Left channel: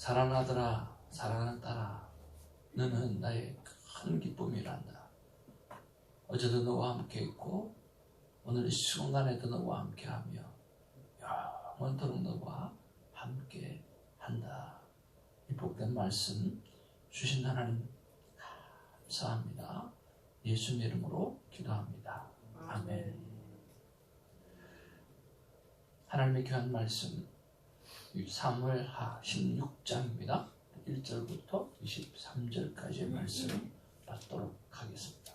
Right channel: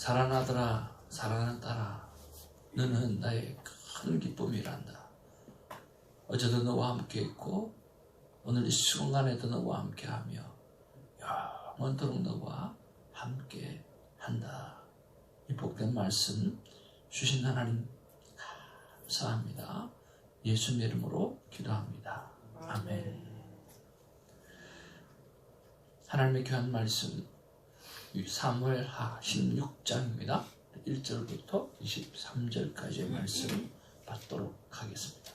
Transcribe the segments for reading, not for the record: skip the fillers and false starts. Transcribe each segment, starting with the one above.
사랑하더라 사랑하는 딸아, 너는 나의 큰 기쁨이란다. 어제도 너와 함께 있고 오늘 이 순간에도 너와 함께하며 영원토록 너와 함께 한다. 이 복된 말씀 주신 하나님 감사합니다. 예수님 이름으로 기도합니다. 아멘. 하나님의 귀한 말씀 사무엘하 16장입니다. 1절부터 23절까지의 말씀 받도록 하겠습니다.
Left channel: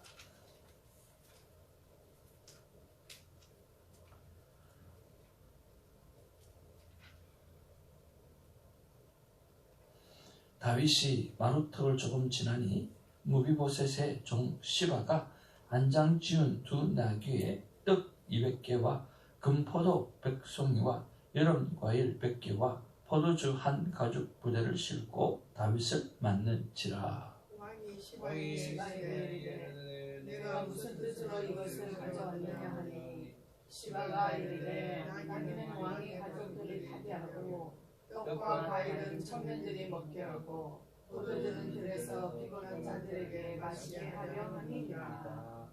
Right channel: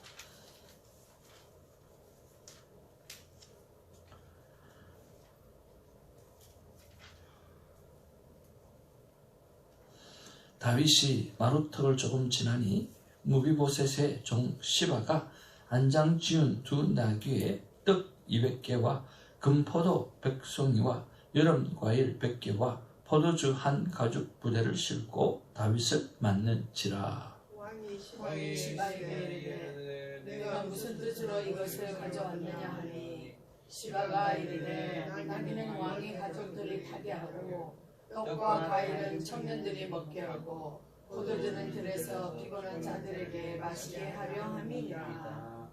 다윗이 마루턱을 조금 지나니 무비보셋의 종 시바가 안장 지은 두 나귀에 떡 200개와 금포도 100송이와 여름 과일 100개와 포도주 한 가죽 부대를 싣고 다윗을 맞는지라. 왕이 시바에게 내가 무슨 뜻으로 이것을 가져왔느냐 하니, 시바가 이르되 나귀는 왕의 가족들이 타게 하고 떡과 과일은 청년들이 먹게 하고 포도주는 들에서 피곤한 자들에게 마시게 하려 함이니라.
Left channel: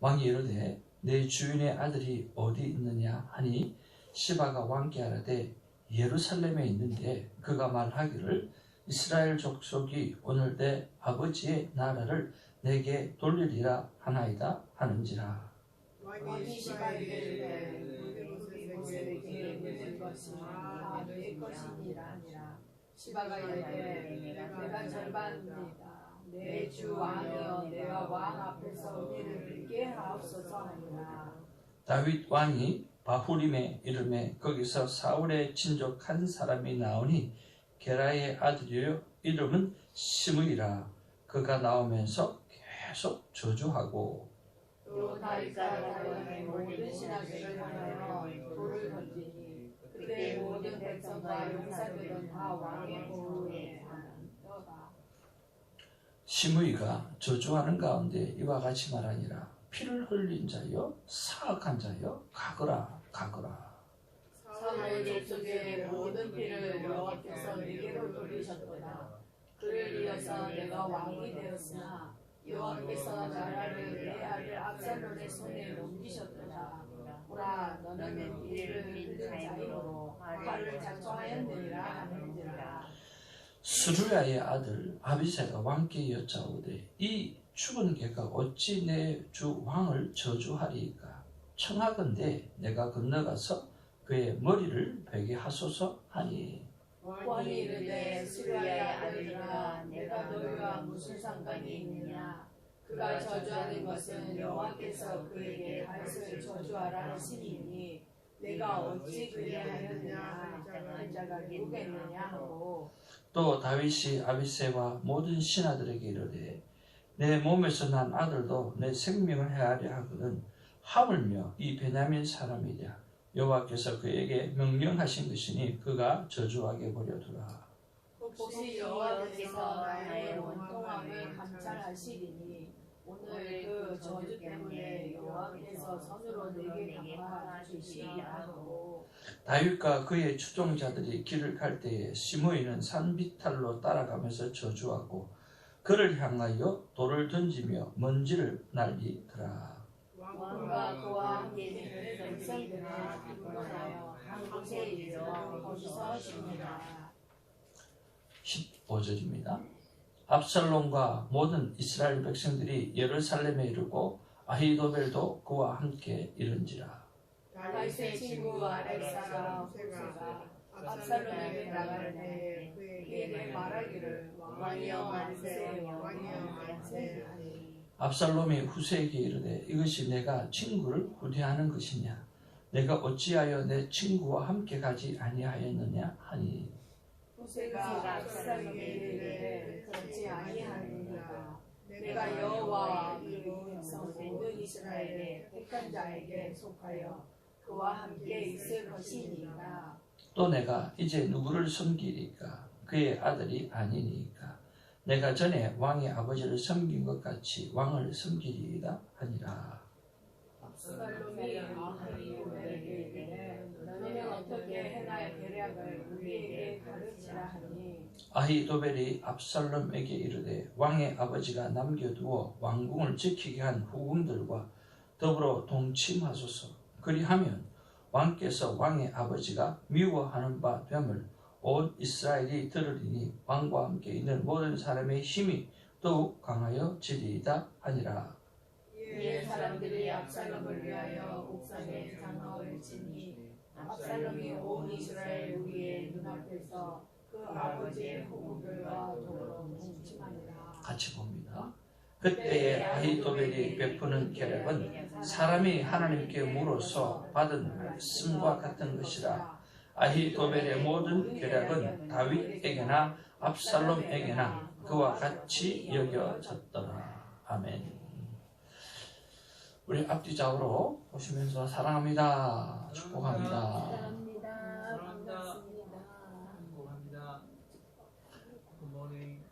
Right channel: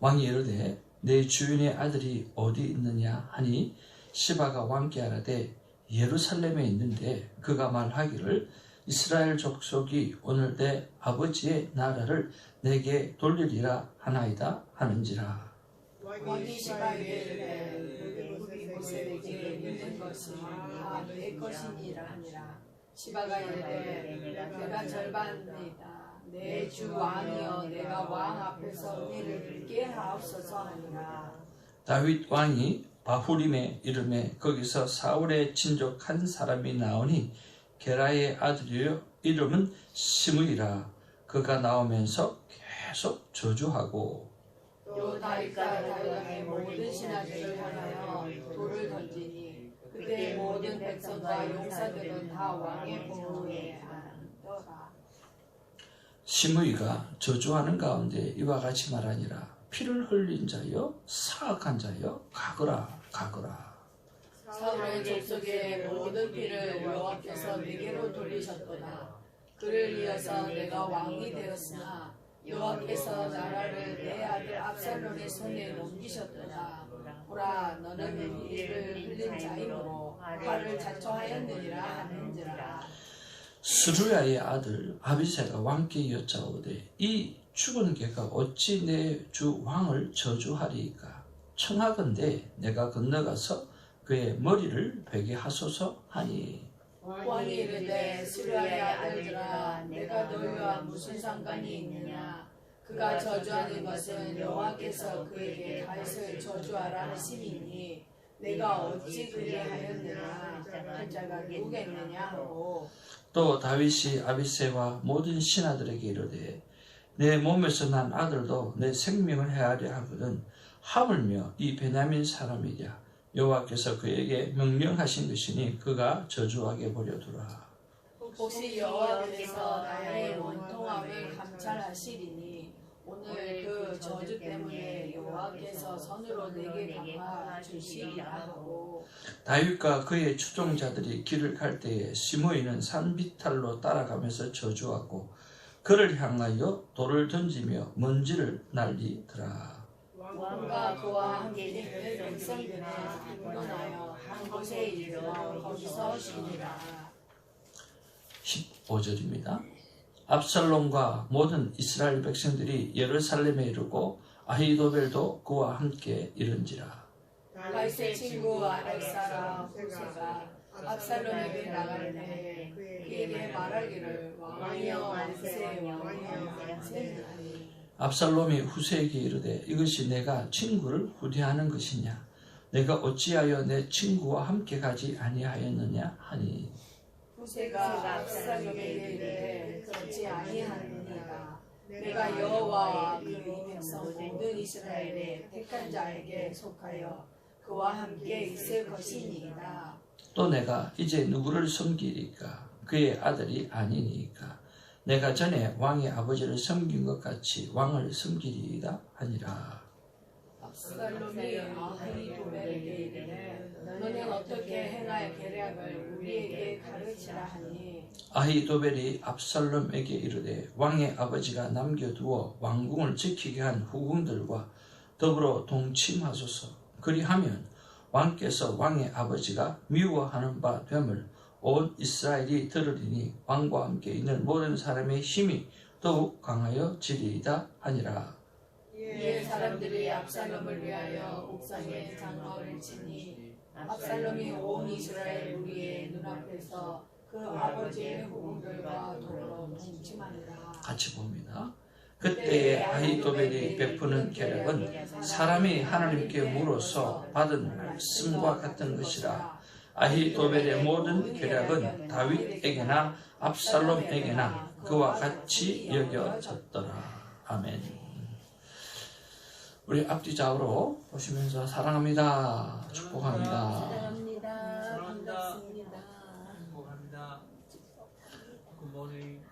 왕이 이르되 내 주인의 아들이 어디 있느냐 하니, 시바가 왕께 하라되 예루살렘에 있는데 그가 말하기를 이스라엘 족속이 오늘 내 아버지의 나라를 내게 돌리리라 하나이다 하는지라. 왕이 시바에게 이르되 무비보셋에게 있는 것이 다 너의 것이니라 하니라. 시바가 이르되 내가 절반이다. 내 주 왕이여 내가 왕 앞에서 우리를 들게 하옵소서 하니라. 다윗 왕이 바후림의 이름에 거기서 사울의 친족 한 사람이 나오니 게라의 아들이요 이름은 시므이라. 그가 나오면서 계속 저주하고 또 다윗과 다윗의 모든 신하들을 향하여 돌을 던지니 그때 모든 백성과 용사들은 다 왕의 보호에 안더라. 시므이가 저주하는 가운데 이와 같이 말하니라. 피를 흘린 자여 사악한 자여 가거라 가거라. 사울의 족속의 모든 피를 여호와께서 내게로 돌리셨도다. 그를 이어서 내가 왕이 되었으나 여호와께서 나라를 내 아들 압살롬의 손에 넘기셨도다. 보라 너는 피를 흘린 자이므로 화를 자초하였느니라 하는지라. 스루야의 아들 아비새가 왕께 여짜오되 이 죽은 개가 어찌 내 주 왕을 저주하리이까. 청하건대 내가 건너가서 그의 머리를 베게 하소서 하니, 왕이 이르되 스루야의 아들들아 내가 너희와 무슨 상관이 있느냐. 그가 저주하는 것은 여호와께서 그에게 다윗을 저주하라 하심이니 내가 어찌 그리하였느냐 한 자가 누구겠느냐 하고. 또 다윗이 아비새와 모든 신하들에게 이르되 내 몸에서 난 아들도 내 생명을 해하려 하거든 하물며 이 베냐민 사람이랴. 여호와께서 그에게 명령하신 것이니 그가 저주하게 버려두라. 혹시 여호와께서 나의 원통함을 감찰하시리니 오늘 그 저주 때문에 여호와께서 선으로 내게 강화 주시리라 하고. 다윗과 그의 추종자들이 길을 갈 때에 시므이는 산비탈로 따라가면서 저주하고 그를 향하여 돌을 던지며 먼지를 날리더라. 왕과 그와 함께 있는 백성들이 분노하여 한 곳에 이르러 거기서 쉬니라. 15절입니다. 압살롬과 모든 이스라엘 백성들이 예루살렘에 이르고 아히도벨도 그와 함께 이른지라. 다윗의 친구 압살롬 후세가 압살롬에게 나갈 때 그에게 말하기를 왕이여 만세 왕이여 만세 하니. 압살롬이 후세에게 이르되 이것이 내가 친구를 후대하는 것이냐. 내가 어찌하여 내 친구와 함께 가지 아니하였느냐 하니. 후세가 압살롬에게 이르되 그렇지 아니하느니라. 내가 여호와와 그 백성 모든 이스라엘의 택한 자에게 속하여 그와 함께 있을 것이니이다. 또 내가 이제 누구를 섬기리까. 그의 아들이 아니니까. 내가 전에 왕의 아버지를 섬긴 것 같이 왕을 섬기리이다 하니라. 압살롬이 아히도벨에게 이르되 너는 어떻게 행할 계략을 우리에게 가르치라 하니. 아히도벨이 압살롬에게 이르되 왕의 아버지가 남겨두어 왕궁을 지키게 한 후궁들과 더불어 동침하소서. 그리하면 왕께서 왕의 아버지가 미워하는 바 됨을 온 이스라엘이 들으리니 왕과 함께 있는 모든 사람의 힘이 더욱 강하여지리이다 하니라. 이에 사람들이 압살롬을 위하여 옥상에 장막을 치니 압살롬이 온 이스라엘 무리의 눈앞에서 그 아버지의 후궁들과 더불어 동침하니라. 같이 봅니다. 그때에 아히도벨이 베푸는 계략은 사람이 하나님께 물어서 받은 말씀과 같은 것이라. 아히도벨의 모든 계략은 다윗에게나 압살롬에게나 그와 같이 여겨졌더라. 아멘. 우리 앞뒤 좌우로 보시면서 사랑합니다. 축복합니다. 사랑합니다. 반갑습니다. 행복합니다. 굿모닝.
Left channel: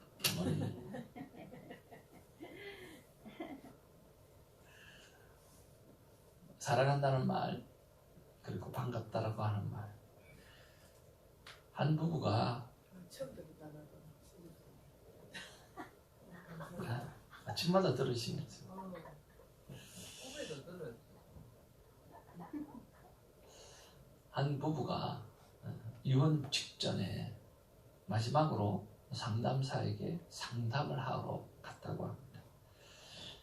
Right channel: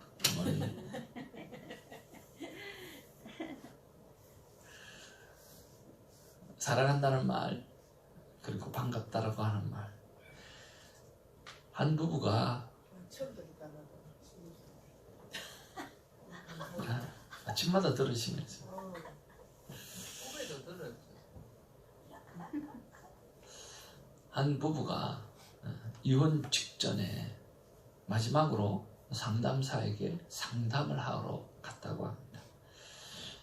사랑한다는 말, 그리고 반갑다라고 하는 말. 한 부부가 아침마다 들으시면서 후배도 들었지. 한 부부가 이혼 직전에 마지막으로 상담사에게 상담을 하러 갔다고 합니다.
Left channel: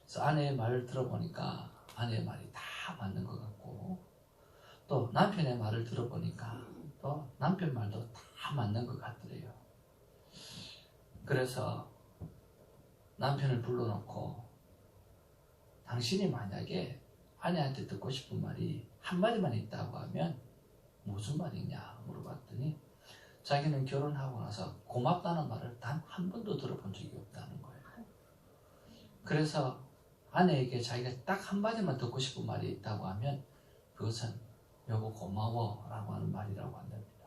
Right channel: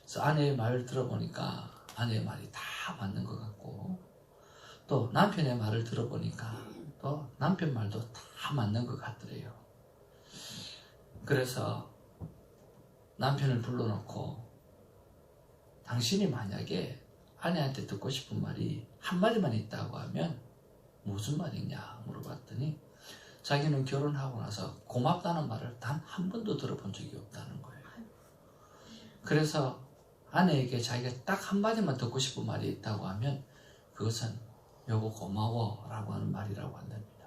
그래서 아내의 말을 들어보니까 아내의 말이 다 맞는 것 같고, 또 남편의 말을 들어보니까 또 남편 말도 다 맞는 것 같더래요. 그래서 남편을 불러놓고 당신이 만약에 아내한테 듣고 싶은 말이 한마디만 있다고 하면 무슨 말이냐 물어봤더니 자기는 결혼하고 나서 고맙다는 말을 단 한 번도 들어본 적이 없다는 거예요. 그래서 아내에게 자기가 딱 한마디만 듣고 싶은 말이 있다고 하면 그것은 여보 고마워 라고 하는 말이라고 한답니다.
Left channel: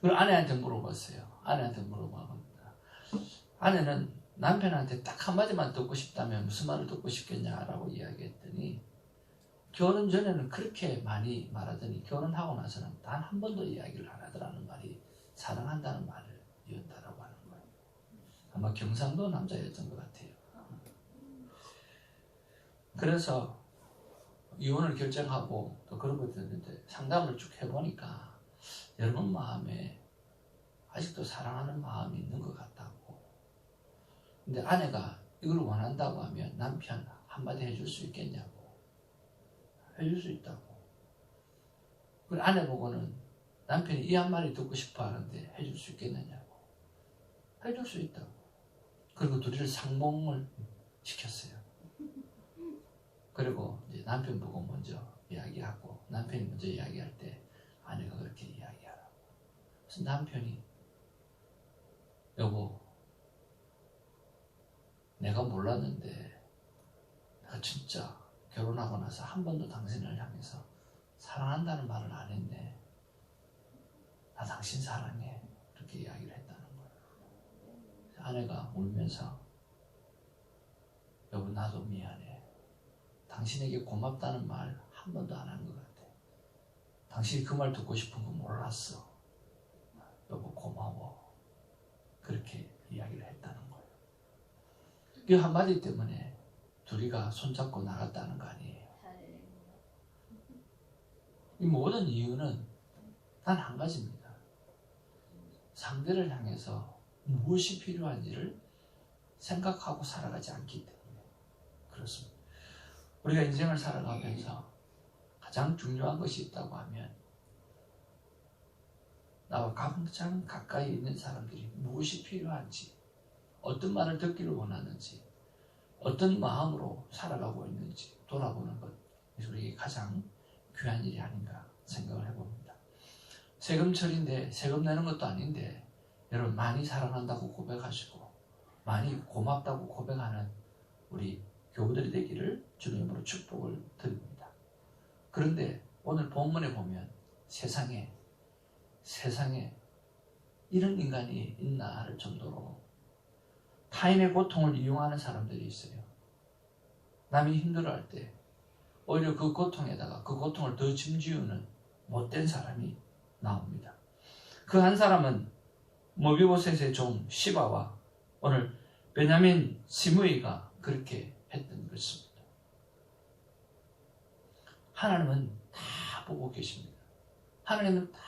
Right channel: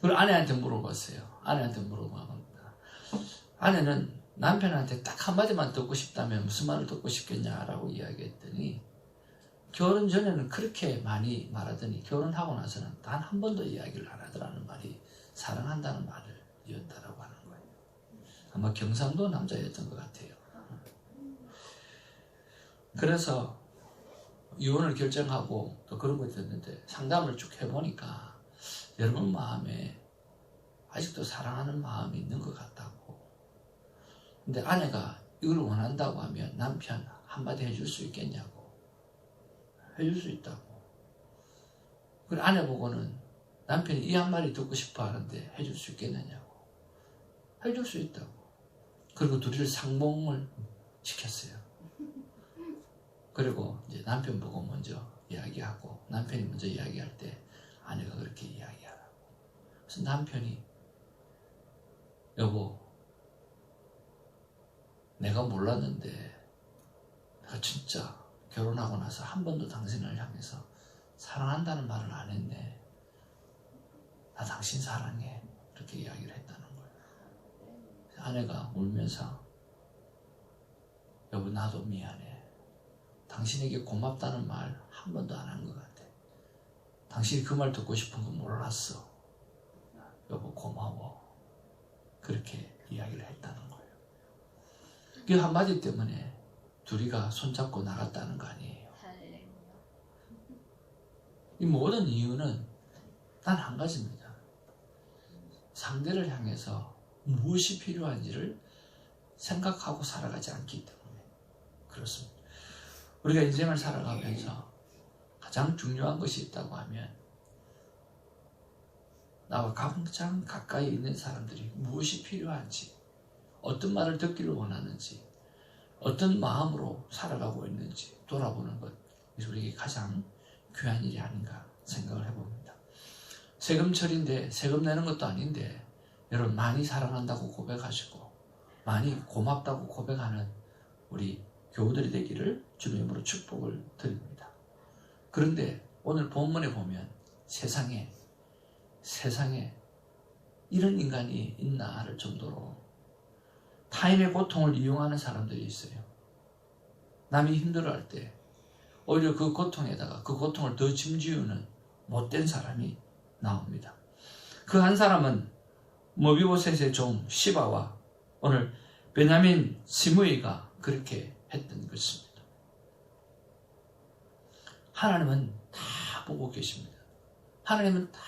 그걸 아내한테 물어봤어요. 아내한테 물어봅니다. 아내는 남편한테 딱 한마디만 듣고 싶다면 무슨 말을 듣고 싶겠냐라고 이야기했더니 결혼 전에는 그렇게 많이 말하더니 결혼하고 나서는 단 한 번도 이야기를 안 하더라는 말이 사랑한다는 말을 이었다라고 하는 거예요. 아마 경상도 남자였던 것 같아요. 그래서 이혼을 결정하고 또 그러고 있었는데 상담을 쭉 해보니까 여러분 마음에 아직도 사랑하는 마음이 있는 것 같다고. 근데 아내가 이걸 원한다고 하면 남편 한마디 해줄 수 있겠냐고. 해줄 수 있다고. 그리고 아내 보고는 남편이 이 한마디 듣고 싶어 하는데 해줄 수 있겠느냐고. 해줄 수 있다고. 그리고 둘이를 상봉을 시켰어요. 그리고 이제 남편 보고 먼저 이야기하고 남편이 먼저 이야기할 때 아내가 그렇게 이야기하라고. 그래서 남편이 여보 내가 몰랐는데 내가 진짜 결혼하고 나서 한 번도 당신을 향해서 사랑한다는 말을 안 했네. 나 당신 사랑해. 그렇게 이야기를 했다는 거예요. 아내가 울면서 여보 나도 미안해. 당신에게 고맙다는 말 한 번도 안 한 것 같아. 당신이 그 말 듣고 싶은 거 몰랐어. 여보 고마워. 그렇게 이야기를 했다는 거예요. 그 한마디 때문에 둘이가 손잡고 나갔다는 거 아니에요. 이 모든 이유는 단 한 가지입니다. 상대를 향해서 무엇이 필요한지를 생각하고 살아가지 않기 때문에 그렇습니다. 우리가 인생을 살아가면서 가장 중요한 것이 있다고 하면 나와 가장 가까이 있는 사람들이 무엇이 필요한지, 어떤 말을 듣기를 원하는지, 어떤 마음으로 살아가고 있는지 돌아보는 것, 우리에게 가장 귀한 일이 아닌가 생각을 해봅니다. 세금철인데 세금 내는 것도 아닌데 여러분 많이 사랑한다고 고백하시고 많이 고맙다고 고백하는 우리 교우들이 되기를 주님으로 축복을 드립니다. 그런데 오늘 본문에 보면 세상에 이런 인간이 있나 할 정도로 타인의 고통을 이용하는 사람들이 있어요. 남이 힘들어할 때 오히려 그 고통에다가 그 고통을 더 짐지우는 못된 사람이 나옵니다. 그 한 사람은 모비보셋의 종 시바와 오늘 베냐민 시므이가 그렇게 했던 것입니다. 하나님은 다 보고 계십니다. 하나님은 다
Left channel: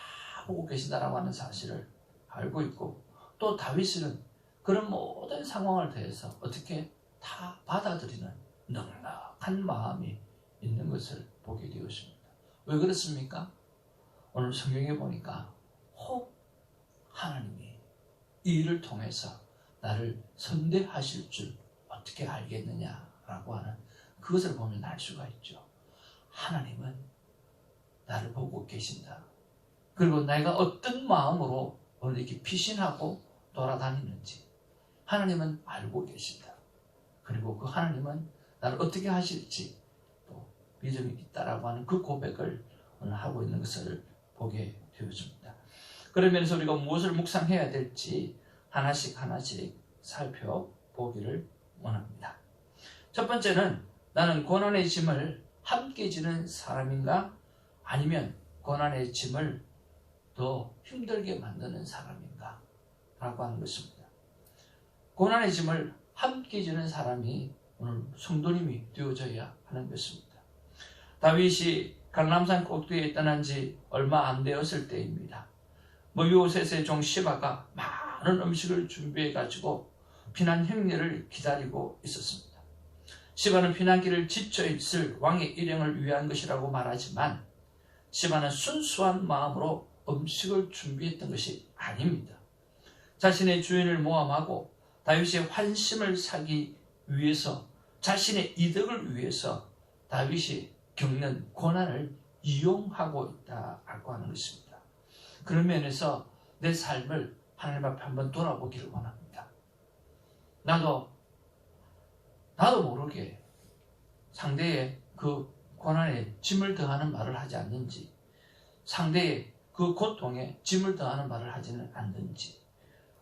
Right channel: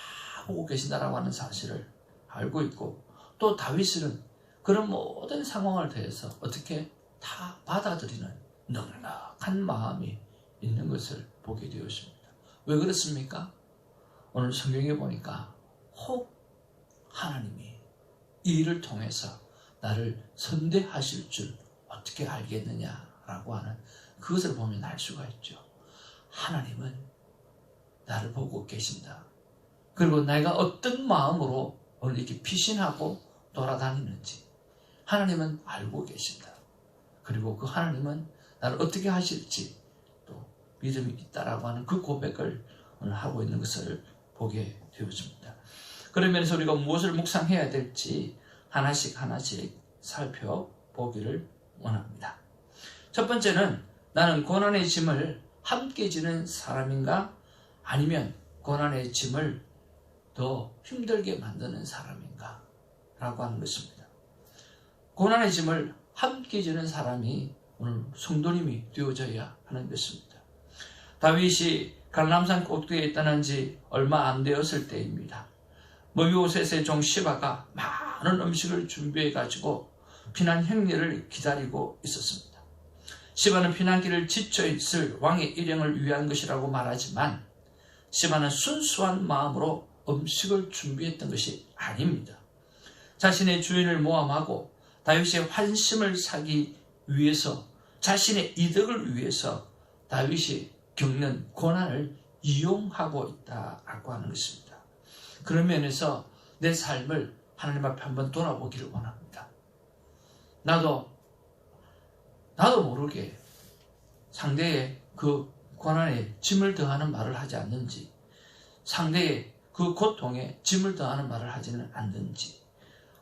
보고 계신다라고 하는 사실을 알고 있고, 또 다윗은 그런 모든 상황을 대해서 어떻게 다 받아들이는 넉넉한 마음이 있는 것을 보게 되었습니다. 왜 그렇습니까? 오늘 성경에 보니까 혹 하나님이 이 일을 통해서 나를 선대하실 줄 어떻게 알겠느냐라고 하는 그것을 보면 알 수가 있죠. 하나님은 나를 보고 계신다. 그리고 내가 어떤 마음으로 오늘 이렇게 피신하고 돌아다니는지 하나님은 알고 계신다. 그리고 그 하나님은 나를 어떻게 하실지 또 믿음이 있다라고 하는 그 고백을 오늘 하고 있는 것을 보게 되어집니다. 그러면서 우리가 무엇을 묵상해야 될지 하나씩 살펴보기를 원합니다. 첫 번째는 나는 고난의 짐을 함께 지는 사람인가? 아니면 고난의 짐을 더 힘들게 만드는 사람인가? 라고 하는 것입니다. 고난의 짐을 함께 지는 사람이 오늘 성도님이 되어져야 하는 것입니다. 다윗이 갈람산 꼭대기에 떠난 지 얼마 안 되었을 때입니다. 모비보셋의 종 시바가 많은 음식을 준비해 가지고 피난 행렬을 기다리고 있었습니다. 시바는 피난길을 지쳐 있을 왕의 일행을 위한 것이라고 말하지만 시바는 순수한 마음으로 음식을 준비했던 것이 아닙니다. 자신의 주인을 모함하고 다윗의 환심을 사기 위해서, 자신의 이득을 위해서 다윗이 겪는 고난을 이용하고 있다라고 하는 것입니다. 그런 면에서 내 삶을 하나님 앞에 한번 돌아보기를 원합니다. 나도 모르게 상대의 그 고난에 짐을 더하는 말을 하지 않는지, 상대의 그 고통에 짐을 더하는 말을 하지는 않는지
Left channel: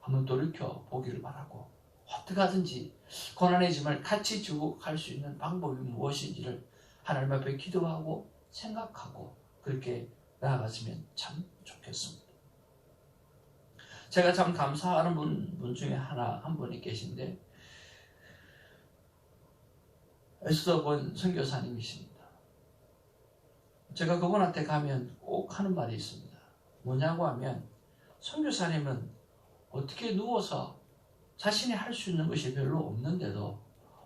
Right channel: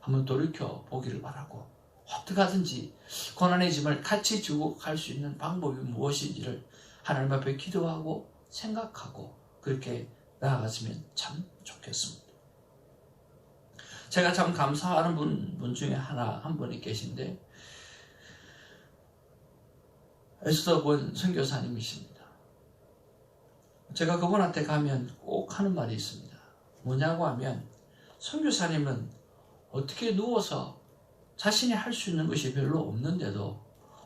한번 돌이켜 보기를 바라고, 어떻게 하든지 고난의 짐을 같이 지고 갈 수 있는 방법이 무엇인지를 하나님 앞에 기도하고 생각하고 그렇게 나아갔으면 참 좋겠습니다. 제가 참 감사하는 분 중에 한 분이 계신데, 에스더본 선교사님이십니다. 제가 그분한테 가면 꼭 하는 말이 있습니다. 뭐냐고 하면, 선교사님은 어떻게 누워서 자신이 할 수 있는 것이 별로 없는데도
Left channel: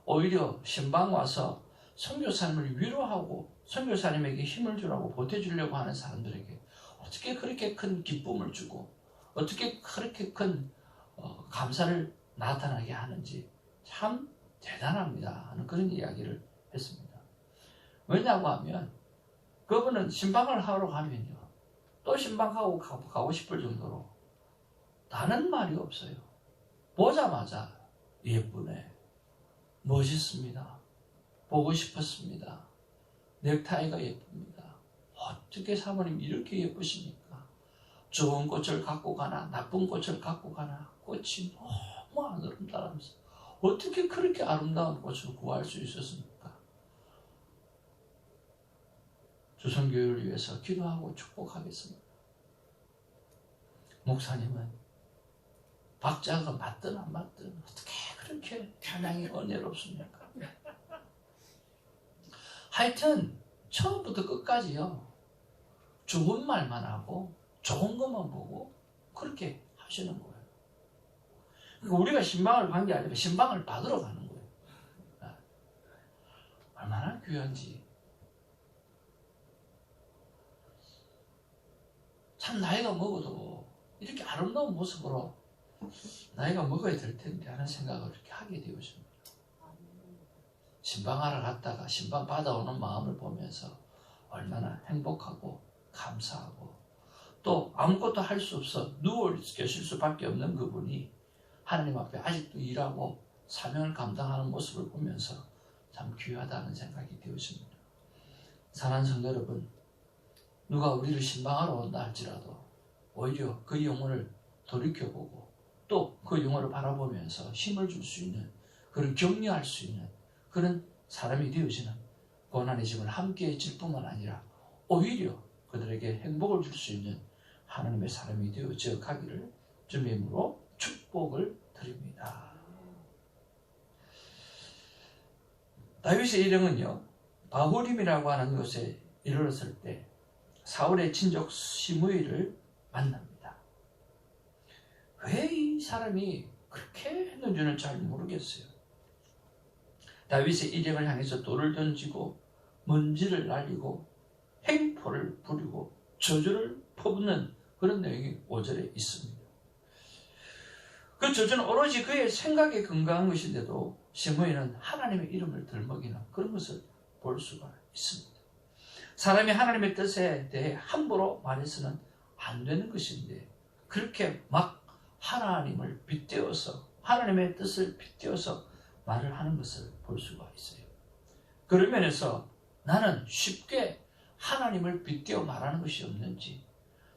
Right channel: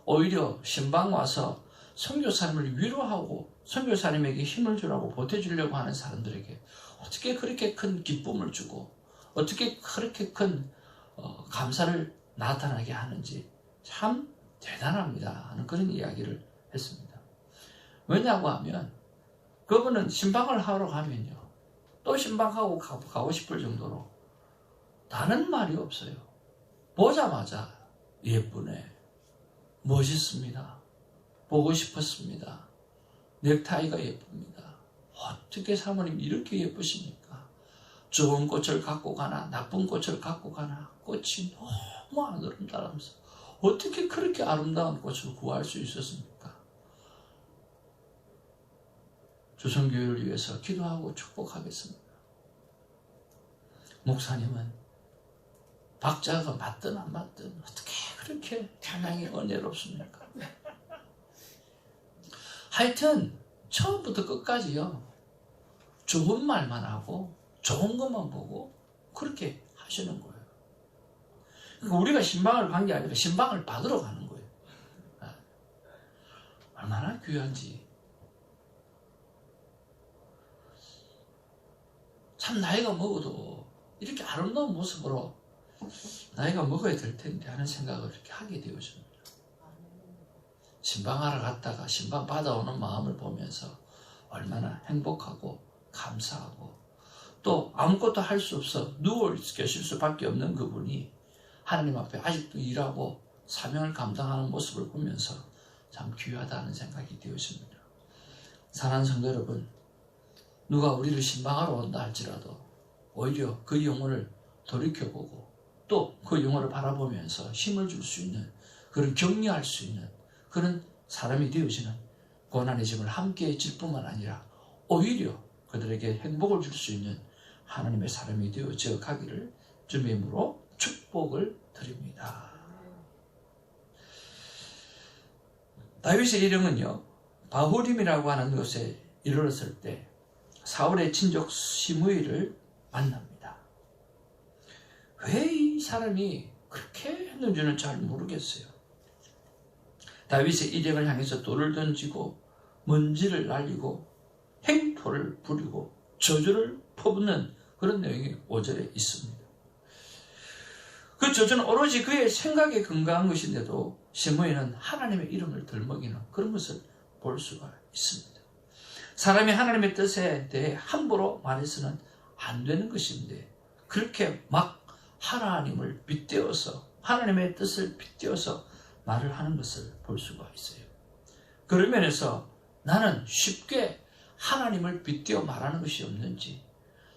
오히려 신방 와서 선교사님을 위로하고 선교사님에게 힘을 주라고 보태주려고 하는 사람들에게 어떻게 그렇게 큰 기쁨을 주고 어떻게 그렇게 큰 감사를 나타나게 하는지 참 대단합니다 하는 그런 이야기를 했습니다. 왜냐고 하면 그분은 신방을 하러 가면요, 또 신방하고 가고 싶을 정도로 다른 말이 없어요. 보자마자 예쁘네, 멋있습니다, 보고 싶었습니다, 넥타이가 예쁩니다, 어떻게 사모님 이렇게 예쁘십니까? 좋은 꽃을 갖고 가나 나쁜 꽃을 갖고 가나 꽃이 너무 아름다우면서 어떻게 그렇게 아름다운 꽃을 구할 수 있었습니까? 조선교회를 위해서 기도하고 축복하겠습니다. 목사님은 박자가 맞든 안 맞든 어떻게 그렇게 찬양이 은혜롭습니까? 하여튼 처음부터 끝까지요, 좋은 말만 하고 좋은 것만 보고 그렇게 하시는 거예요. 그러니까 우리가 신방을 간 게 아니라 신방을 받으러 가는 거예요. 얼마나 귀한지. 참 나이가 먹어도 이렇게 아름다운 모습으로 나이가 먹어야 될 텐데 하는 생각을 이렇게 하게 되어집니다. 신방하러 갔다가 신방 받아오는 마음을 보면서 얼마나 행복하고 감사하고, 또 아무것도 할 수 없어 누워 계실 수밖에 없는 그분이 하나님 앞에 아직도 일하고 사명을 감당하는 모습을 보면서 참 귀하다는 생각이 되었습니다. 사랑하는 성도 여러분, 누가 우리를 신방하러 온다 할지라도 오히려 그 영혼을 돌이켜보고 또 그 영혼을 바라보면서 힘을 줄 수 있는, 그런 격려할 수 있는 그런 사람이 되어지는, 고난의 짐을 함께 질 뿐만 아니라 오히려 그들에게 행복을 줄 수 있는 하나님의 사람이 되어져 가기를 주님으로 축복을 드립니다. 다윗의 일행은요, 바후림이라고 하는 곳에 이르렀을 때 사울의 친족 시므이를 만납니다. 왜 이 사람이 그렇게 했는지는 잘 모르겠어요. 다윗의 일행을 향해서 돌을 던지고 먼지를 날리고 행토를 부리고 저주를 퍼붓는 그런 내용이 5절에 있습니다. 그 저주는 오로지 그의 생각에 근거한 것인데도 시므이는 하나님의 이름을 들먹이는 그런 것을 볼 수가 있습니다. 사람이 하나님의 뜻에 대해 함부로 말해서는 안 되는 것인데 그렇게 막 하나님을 빗대어서 하나님의 뜻을 빗대어서 말을 하는 것을 볼 수가 있어요. 그런 면에서 나는 쉽게 하나님을 빗대어 말하는 것이 없는지,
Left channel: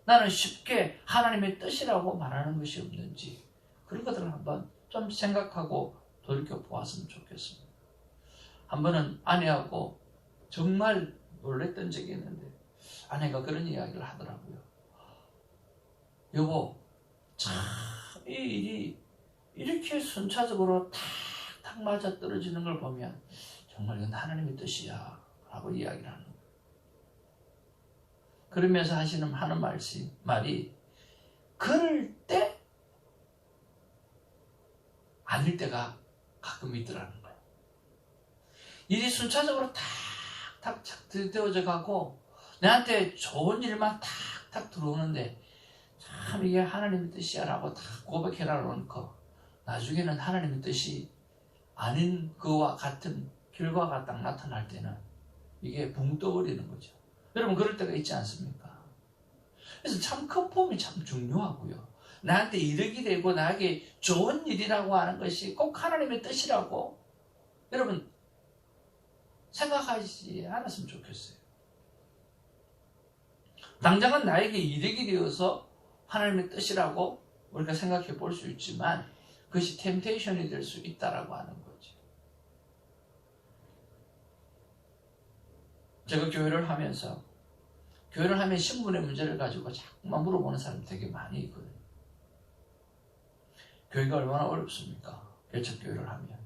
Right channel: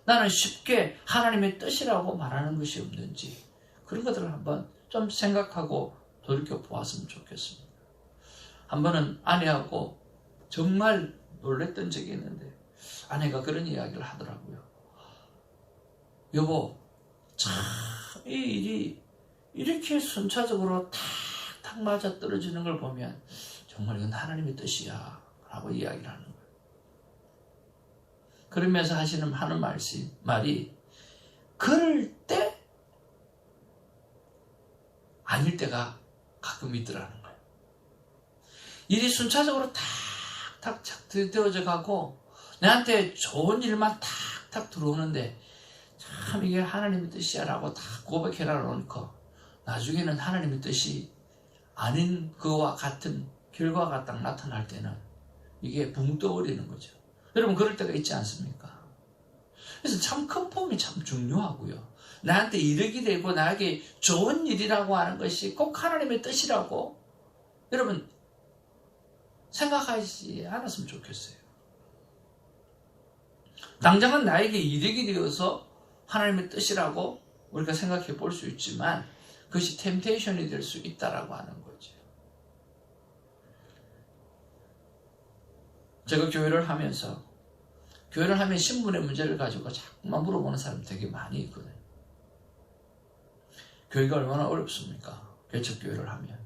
나는 쉽게 하나님의 뜻이라고 말하는 것이 없는지, 그런 것들을 한번 좀 생각하고 돌이켜 보았으면 좋겠습니다. 한 번은 아내하고 정말 놀랬던 적이 있는데 아내가 그런 이야기를 하더라고요. 여보, 참 이 일이 이렇게 순차적으로 탁탁 맞아 떨어지는 걸 보면 정말 이건 하나님의 뜻이야 라고 이야기를 하는 거예요. 그러면서 하는 말이 그럴 때 아닐 때가 가끔 있더라는 거예요. 일이 순차적으로 탁탁 되어져 가고 나한테 좋은 일만 탁탁 들어오는데 참 이게 하나님의 뜻이야 라고 다 고백해라 놓고 나중에는 하나님의 뜻이 아닌 그와 같은 결과가 딱 나타날 때는 이게 붕 떠버리는 거죠. 여러분 그럴 때가 있지 않습니까? 그래서 참 컨펌이 참 중요하고요. 나한테 이득이 되고 나에게 좋은 일이라고 하는 것이 꼭 하나님의 뜻이라고 여러분 생각하지 않았으면 좋겠어요. 당장은 나에게 이득이 되어서 하나님의 뜻이라고 우리가 생각해 볼 수 있지만 그것이 템테이션이 될 수 있다라고 하는 거죠. 제가 교회를 하면 신분의 문제를 가지고 자꾸만 물어보는 사람이 되게 많이 있거든요. 교회가 얼마나 어렵습니까? 개척교회를 하면.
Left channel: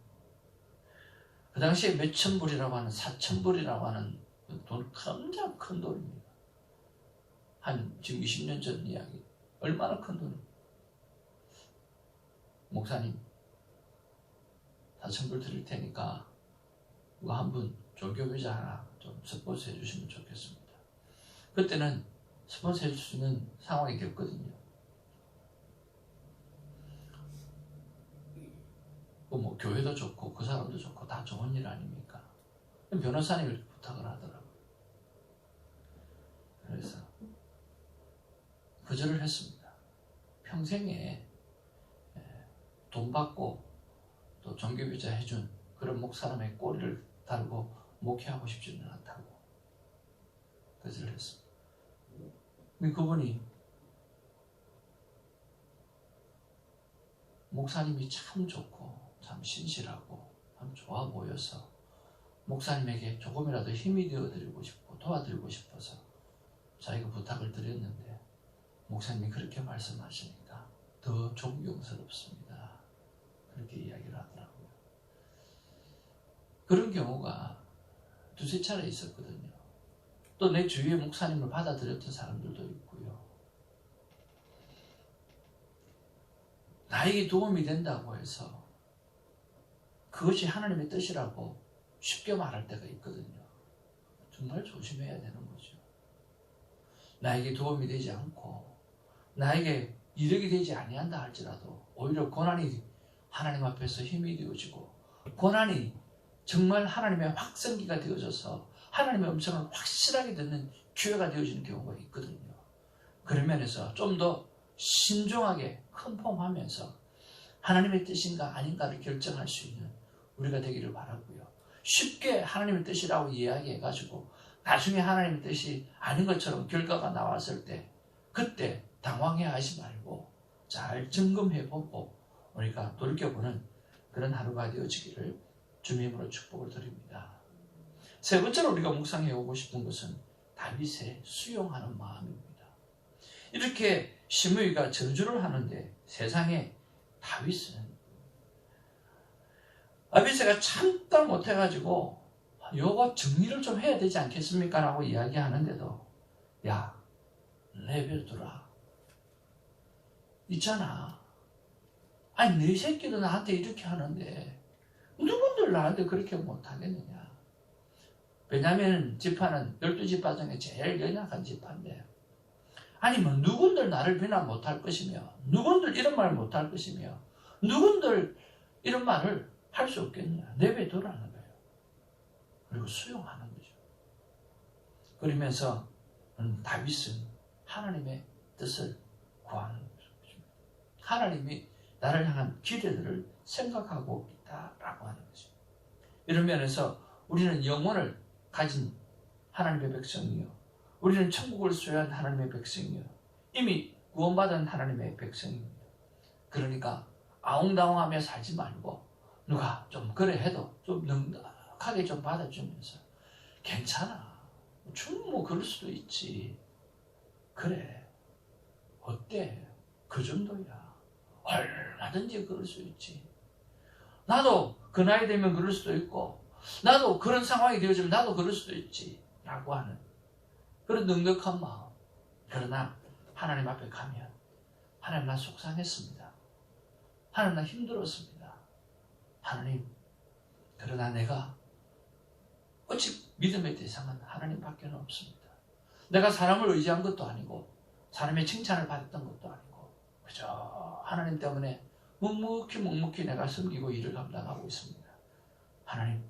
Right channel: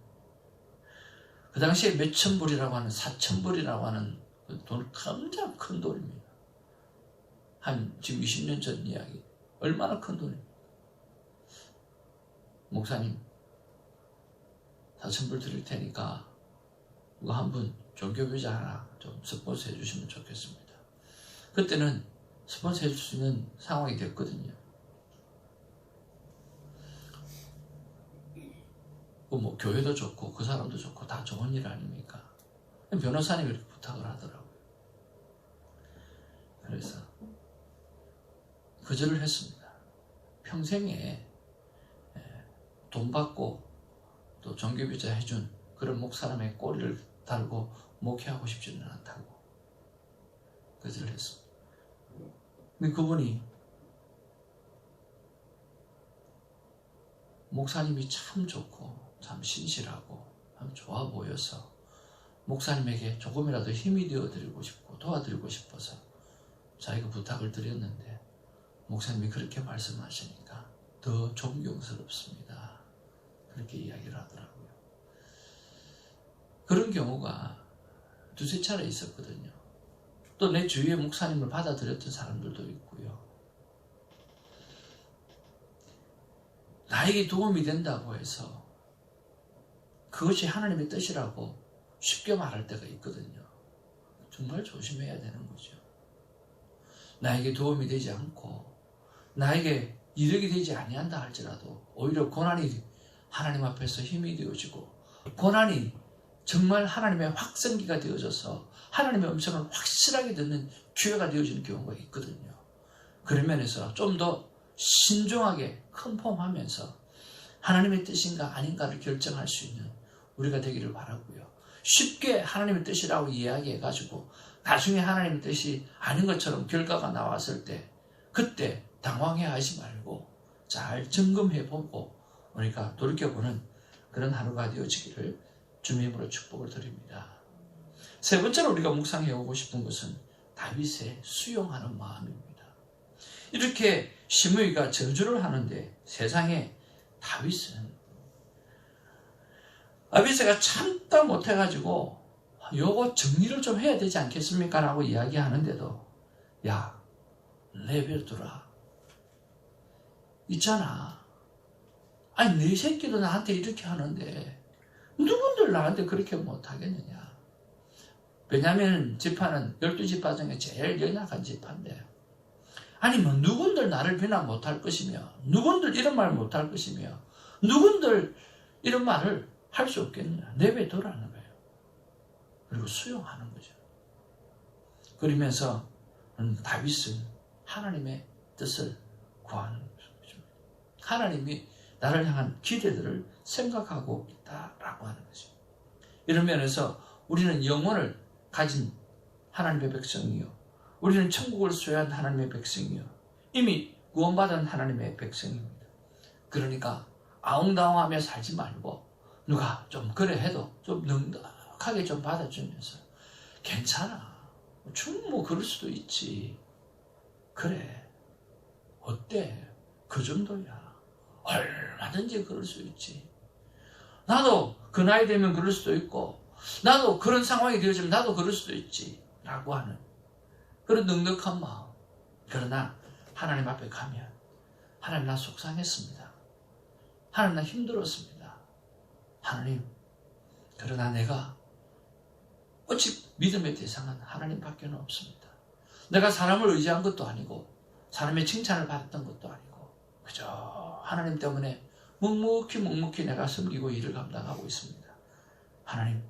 그 당시에 몇천 불이라고 하는 4,000불이라고 하는 돈 굉장히 큰 돈입니다. 지금 20년 전 이야기. 얼마나 큰 돈입니까? 목사님 4,000불 드릴 테니까 이거 한 분 종교비자 하나 좀 스폰서 해주시면 좋겠습니다. 그때는 스폰서 해줄 수 있는 상황이 됐거든요. 뭐 교회도 좋고 그 사람도 좋고 다 좋은 일 아닙니까? 변호사님이 이렇게 부탁을 하더라고요. 그래서 거절을 했습니다. 평생에 돈 받고 또 종교비자 해준 그런 목사람의 꼬리를 달고 목회하고 싶지는 않다고 거절을 했습니다. 근데 그분이 목사님이 참 좋고 참 신실하고 참 좋아 보여서 목사님에게 조금이라도 힘이 되어드리고 싶고 도와드리고 싶어서 자기가 부탁을 드렸는데 목사님이 그렇게 말씀하시니까 더 존경스럽습니다. 그렇게 이야기를 하더라고요. 그런 경우가 두세 차례 있었거든요. 또 내 주위에 목사님을 받아들였던 사람들도 있고요. 나에게 도움이 된다고 해서 그것이 하나님의 뜻이라고 쉽게 말할 때가 있거든요. 정말 조심해야 되는 거죠. 나에게 도움이 되지 않고 나에게 이득이 되지 아니한다 할지라도 오히려 고난이 하나님 앞에서 힘이 되어지고 고난이 정말 하나님의 확성기가 되어져서 하나님의 음성을 확실하게 듣는 기회가 되어지는 경우가 있거든요. 그런 면에서 좀 더 신중하게 컨펌하면서 하나님의 뜻인가 아닌가를 결정할 수 있는 우리가 되기를 바라고요. 쉽게 하나님의 뜻이라고 이야기해가지고 나중에 하나님의 뜻이 아닌 것처럼 결과가 나왔을 때 그때 당황해하지 말고 잘 점검해보고 우리가 돌이켜보는 그런 하루가 되어지기를 주님으로 축복을 드립니다. 세 번째로 우리가 묵상해오고 싶은 것은 다윗의 수용하는 마음입니다. 이렇게 시므이가 저주를 하는데 세상에 다윗은 아비새가 참다 못해가지고 요거 정리를 좀 해야 되지 않겠습니까? 라고 이야기하는데도 야 내버려두라. 있잖아. 아니 네 새끼도 나한테 이렇게 하는데 누군들 나한테 그렇게 못하겠느냐. 베냐민 지파는 12지파 중에 제일 연약한 지파인데 아니 뭐 누군들 나를 비난 못할 것이며 누군들 이런 말 못할 것이며 누군들 이런 말을 할 수 없겠느냐. 내버려두라는 거예요. 그리고 수용하는 거죠. 그러면서 다윗은 하나님의 뜻을 구하는 거죠. 하나님이 나를 향한 기대들을 생각하고 있다라고 하는 거죠. 이런 면에서 우리는 영혼을 가진 하나님의 백성이요, 우리는 천국을 소유한 하나님의 백성이요, 이미 구원받은 하나님의 백성입니다. 그러니까 아웅다웅하며 살지 말고 누가 좀 그래 해도 좀 넉넉하게 좀 받아주면서 괜찮아. 충분히 뭐 그럴 수도 있지. 그래. 어때? 그 정도야. 얼마든지 그럴 수 있지. 나도 그 나이 되면 그럴 수도 있고 나도 그런 상황이 되어지면 나도 그럴 수도 있지. 라고 하는 그런 넉넉한 마음. 그러나 하나님 앞에 가면 하나님 나 속상했습니다. 하나님 나 힘들었습니다. 하나님, 그러나 내가 어찌 믿음의 대상은 하나님밖에 없습니다. 내가 사람을 의지한 것도 아니고 사람의 칭찬을 받았던 것도 아니고 그저 하나님 때문에 묵묵히 내가 섬기고 일을 감당하고 있습니다. 하나님,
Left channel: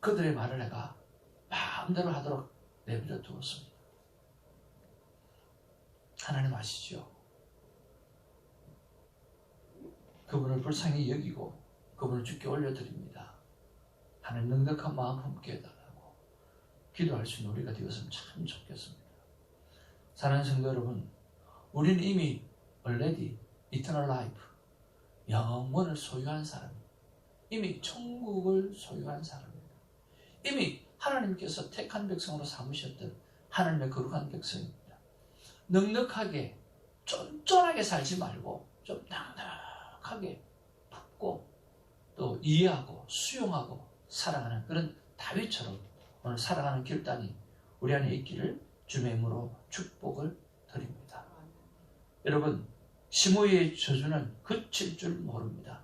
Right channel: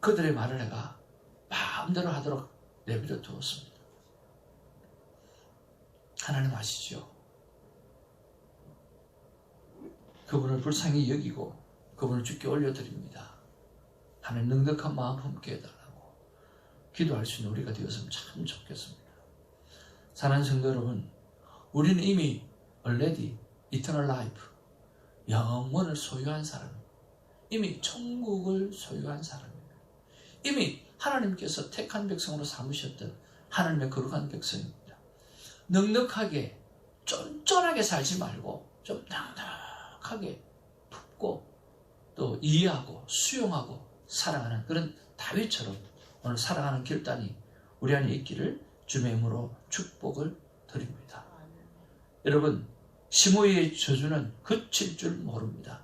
그들의 말을 내가 마음대로 하도록 내버려 두었습니다. 하나님 아시죠? 그분을 불쌍히 여기고 그분을 주께 올려드립니다. 하나님 넉넉한 마음 품게 해달라고 기도할 수 있는 우리가 되었으면 참 좋겠습니다. 사랑하는 성도 여러분, 우리는 이미 already eternal life, 영원을 소유한 사람, 이미 천국을 소유한 사람입니다. 이미 하나님께서 택한 백성으로 삼으셨던 하나님의 거룩한 백성입니다. 넉넉하게 쫀쫀하게 살지 말고 좀 넉넉하게 품고 또 이해하고 수용하고 살아가는 그런 다윗처럼 오늘 살아가는 결단이 우리 안에 있기를 주의 이름으로 축복을 드립니다. 여러분, 시므이의 저주는 그칠 줄 모릅니다.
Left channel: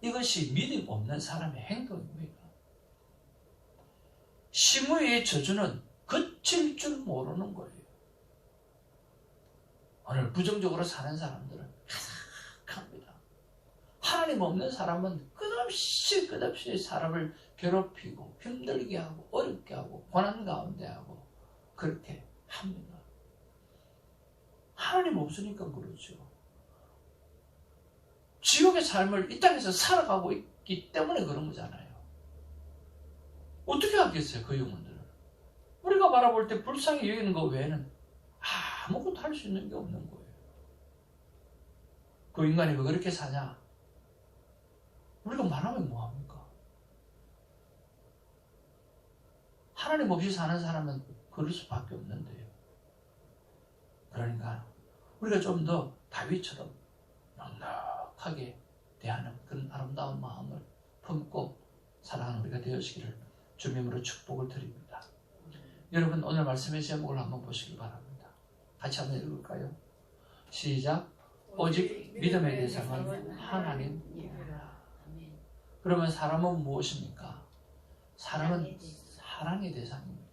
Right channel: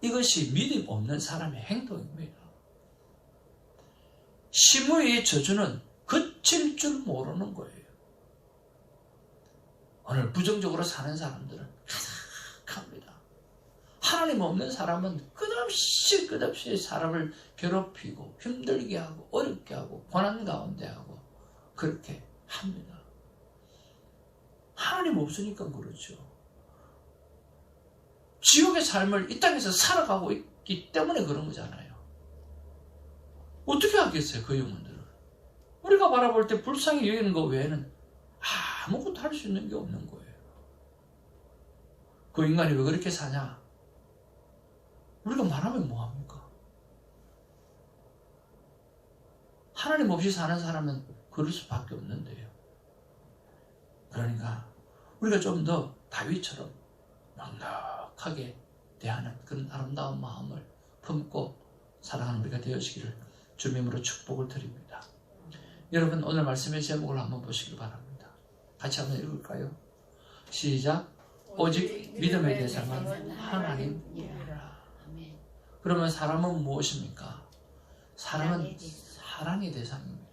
이것이 믿음 없는 사람의 행동입니다. 시므이의 저주는 그칠 줄 모르는 거예요. 오늘 부정적으로 사는 사람들은 가득합니다. 하나님 없는 사람은 끝없이 사람을 괴롭히고 힘들게 하고 어렵게 하고 고난 가운데 하고 그렇게 합니다. 하나님 없으니까 그렇죠. 지옥의 삶을 이 땅에서 살아가고 있기 때문에 그런 거잖아요. 어떻게 하겠어요, 그 영혼들은? 우리가 바라볼 때 불쌍히 여기는 것 외에는 아무것도 할 수 있는 게 없는 거예요. 그 인간이 왜 그렇게 사냐? 우리가 말하면 뭐합니까? 하나님 없이 사는 사람은 그럴 수밖에 없는데요. 그러니까 우리가 좀 더 다윗처럼 넉넉하게 대하는 그런 아름다운 마음을 품고 살아가는 우리가 되어지기를 주님의 이름으로 축복을 드립니다. 여러분, 오늘 말씀의 제목을 한번 보시기 바랍니다. 같이 한번 읽을까요? 시작. 오직 믿음의 대상은 하나님이라. 그러면 사람은 무엇입니까? 사람은 사랑의 대상입니다.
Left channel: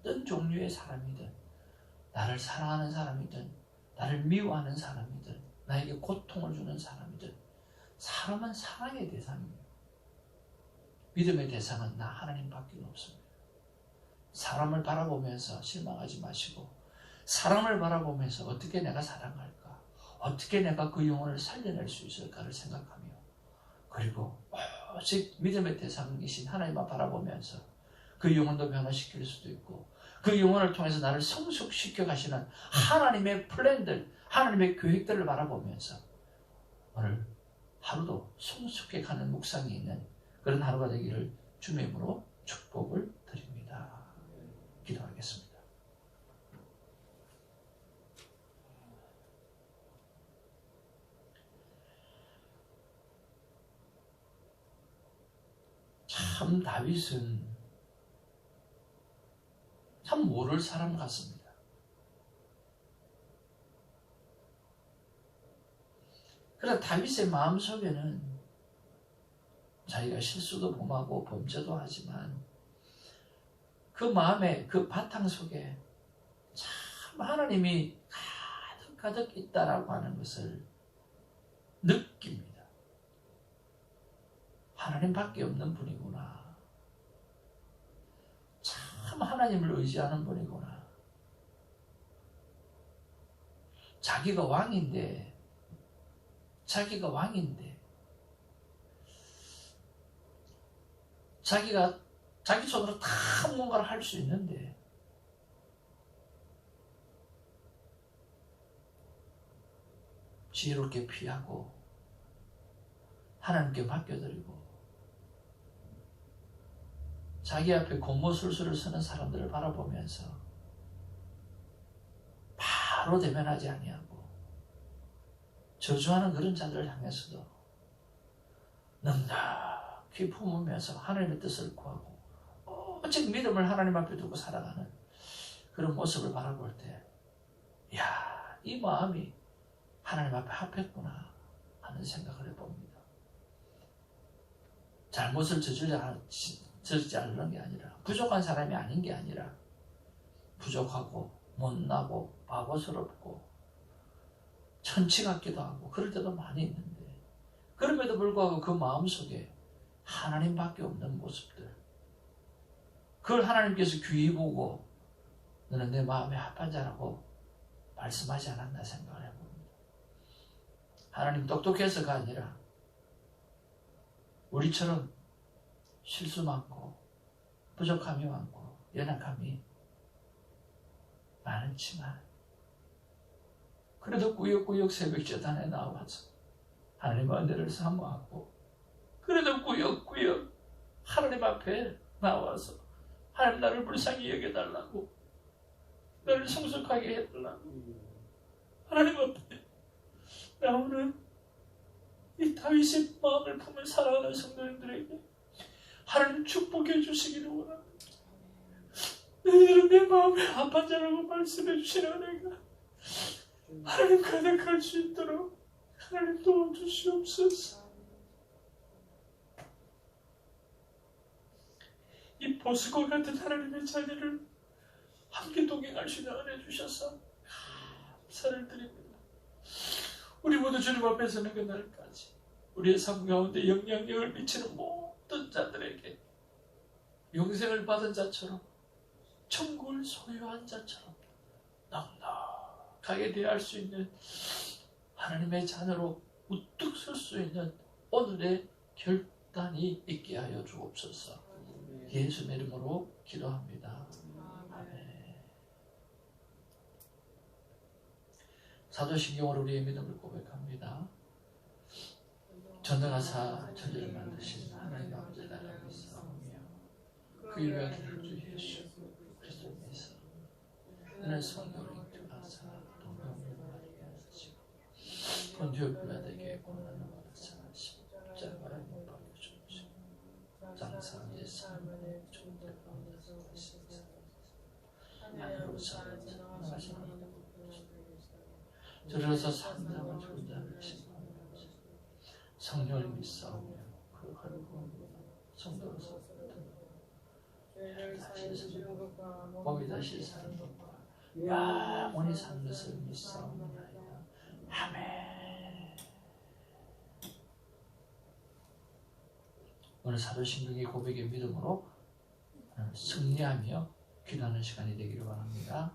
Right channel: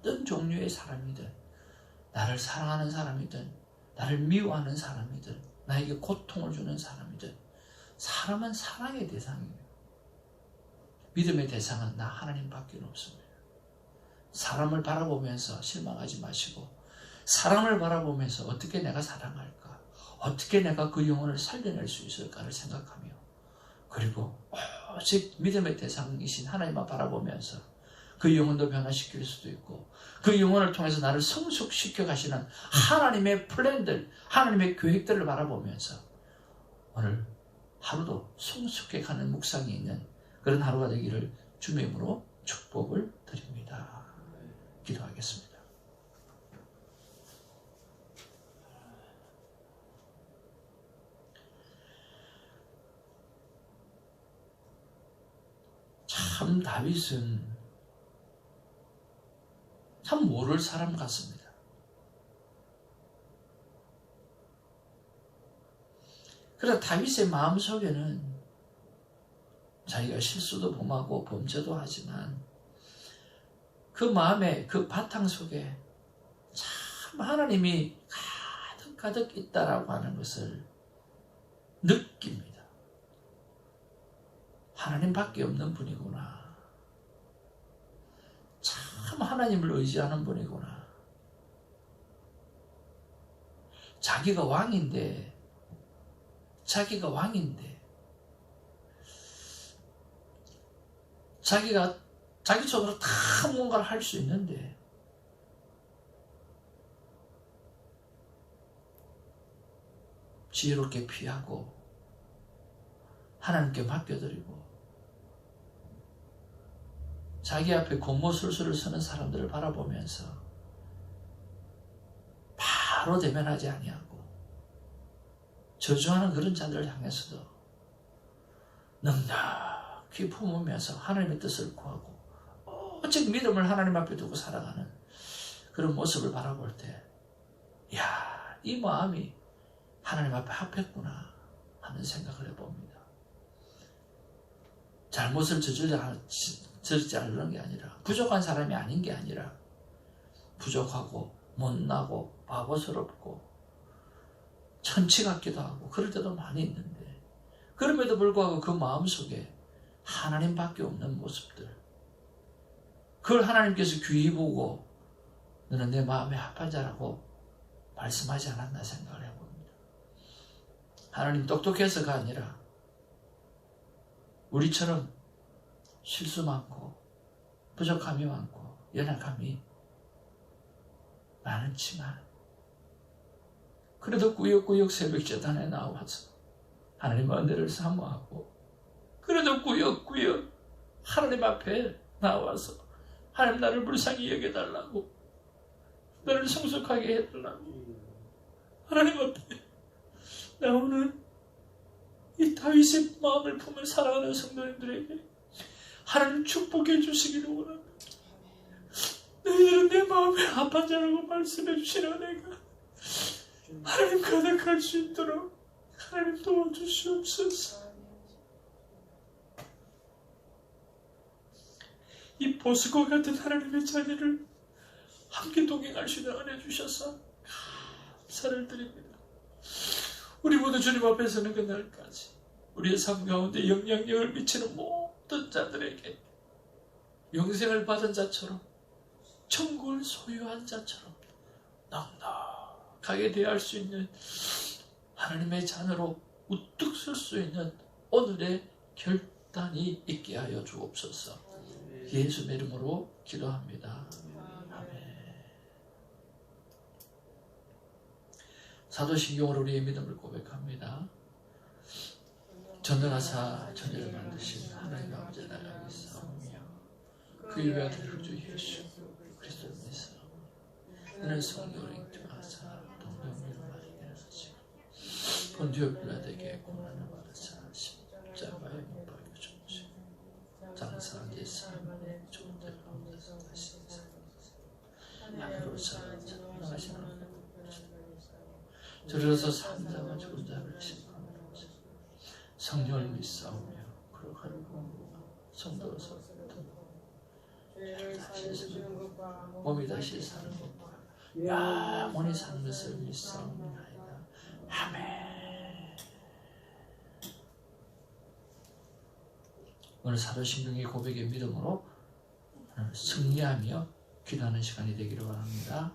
어떤 종류의 사람이든, 나를 사랑하는 사람이든, 나를 미워하는 사람이든, 나에게 고통을 주는 사람이든, 사람은 사랑의 대상입니다. 믿음의 대상은 나 하나님밖에 없습니다. 사람을 바라보면서 실망하지 마시고, 사람을 바라보면서 어떻게 내가 사랑할까? 어떻게 내가 그 영혼을 살려낼 수 있을까를 생각하며, 그리고 오직 믿음의 대상이신 하나님만 바라보면서 그 영혼도 변화시킬 수도 있고, 그 영혼을 통해서 나를 성숙시켜 가시는 하나님의 플랜들, 하나님의 계획들을 바라보면서 오늘 하루도 성숙해 가는 묵상이 있는 그런 하루가 되기를 주님의 이름으로 축복을 드립니다. 기도하겠습니다. 참 다윗은 참 모를 사람 같습니다. 그러나 다윗의 마음속에는 자기가 실수도 범하고 범죄도 하지만 그 마음의 그 바탕 속에 참 하나님이 가득 있다라고 하는 것을 느낍니다. 하나님밖에 없는 분이구나. 참 하나님을 의지하는 분이구나. 자기가 왕인데 자기가 자기 손으로 다 뭔가를 할 수 있는데 지혜롭게 피하고 하나님께 맡겨드리고 자기 앞에 곤모술수를 서는 사람들을 바라보면서 바로 대면하지 아니하고 저주하는 그런 자들을 향해서도 넉넉히 품으면서 하나님의 뜻을 구하고 오직 믿음을 하나님 앞에 두고 살아가는 그런 모습을 바라볼 때 이야, 이 마음이 하나님 앞에 합했구나 하는 생각을 해봅니다. 잘못을 저지르지 않는 게 아니라 부족한 사람이 아닌 게 아니라 부족하고 못나고 바보스럽고 천치 같기도 하고 그럴 때도 많이 있는데 그럼에도 불구하고 그 마음속에 하나님밖에 없는 모습들 그걸 하나님께서 귀히 보고 너는 내 마음에 합한 자라고 말씀하지 않았나 생각을 해봅니다. 하나님 똑똑해서가 아니라 우리처럼 실수 많고 부족함이 많고 연약함이 많지만 그래도 꾸역꾸역 새벽 제단에 나와서 하나님 은혜를 사모하고 그래도 꾸역꾸역 하나님 앞에 나와서 하나님 나를 불쌍히 여겨달라고 나를 성숙하게 해달라고 하나님 앞에 나오는 이 다윗의 마음을 품은 사랑하는 성도님들에게 하나님 축복해 주시기를 원합니다. 너희들은 내 마음에 합한 자라고 말씀해 주신 은혜가 하나님 가득할 수 있도록 하나님 도와주시옵소서. 이 보스과 같은 하나님의 자녀를 함께 동행할 수 있는 은혜 주셔서 감사를 드립니다. 우리 모두 주님 앞에 서는 그날까지 우리의 삶 가운데 영향력을 미치는 모든 자들에게 영생을 받은 자처럼 천국을 소유한 자처럼 넉넉하게 대할 수 있는 하나님의 자녀로 우뚝 설 수 있는 오늘의 결단이 있게 하여 주옵소서. 예수의 이름으로 기도합니다. 아멘. 사도신경으로 우리의 믿음을 고백합니다. 전능하사 천지를 만드신 하나님 아버지 나라를 믿사오며 그 위에 아들 주 예수 그리스도를 믿사오며 이는 성령으로 인도하사 동정으로 나에게 하시고 본디오 빌라도에게 고난을 받으사 십자가에 못 박혀 죽으시고 장사한 예수님의 존재 가운데서 다시 하나님으로 살아나신 하나님 들어서 산자와 죽은 자를 심판하면서 성령을 믿사오며 거룩한 성도로서 몸이 다시 사는 것과 영원히 사는 것을 믿사옵나이다. 아멘. 오늘 사도신경의 고백의 믿음으로 승리하며 기도하는 시간이 되기를 바랍니다.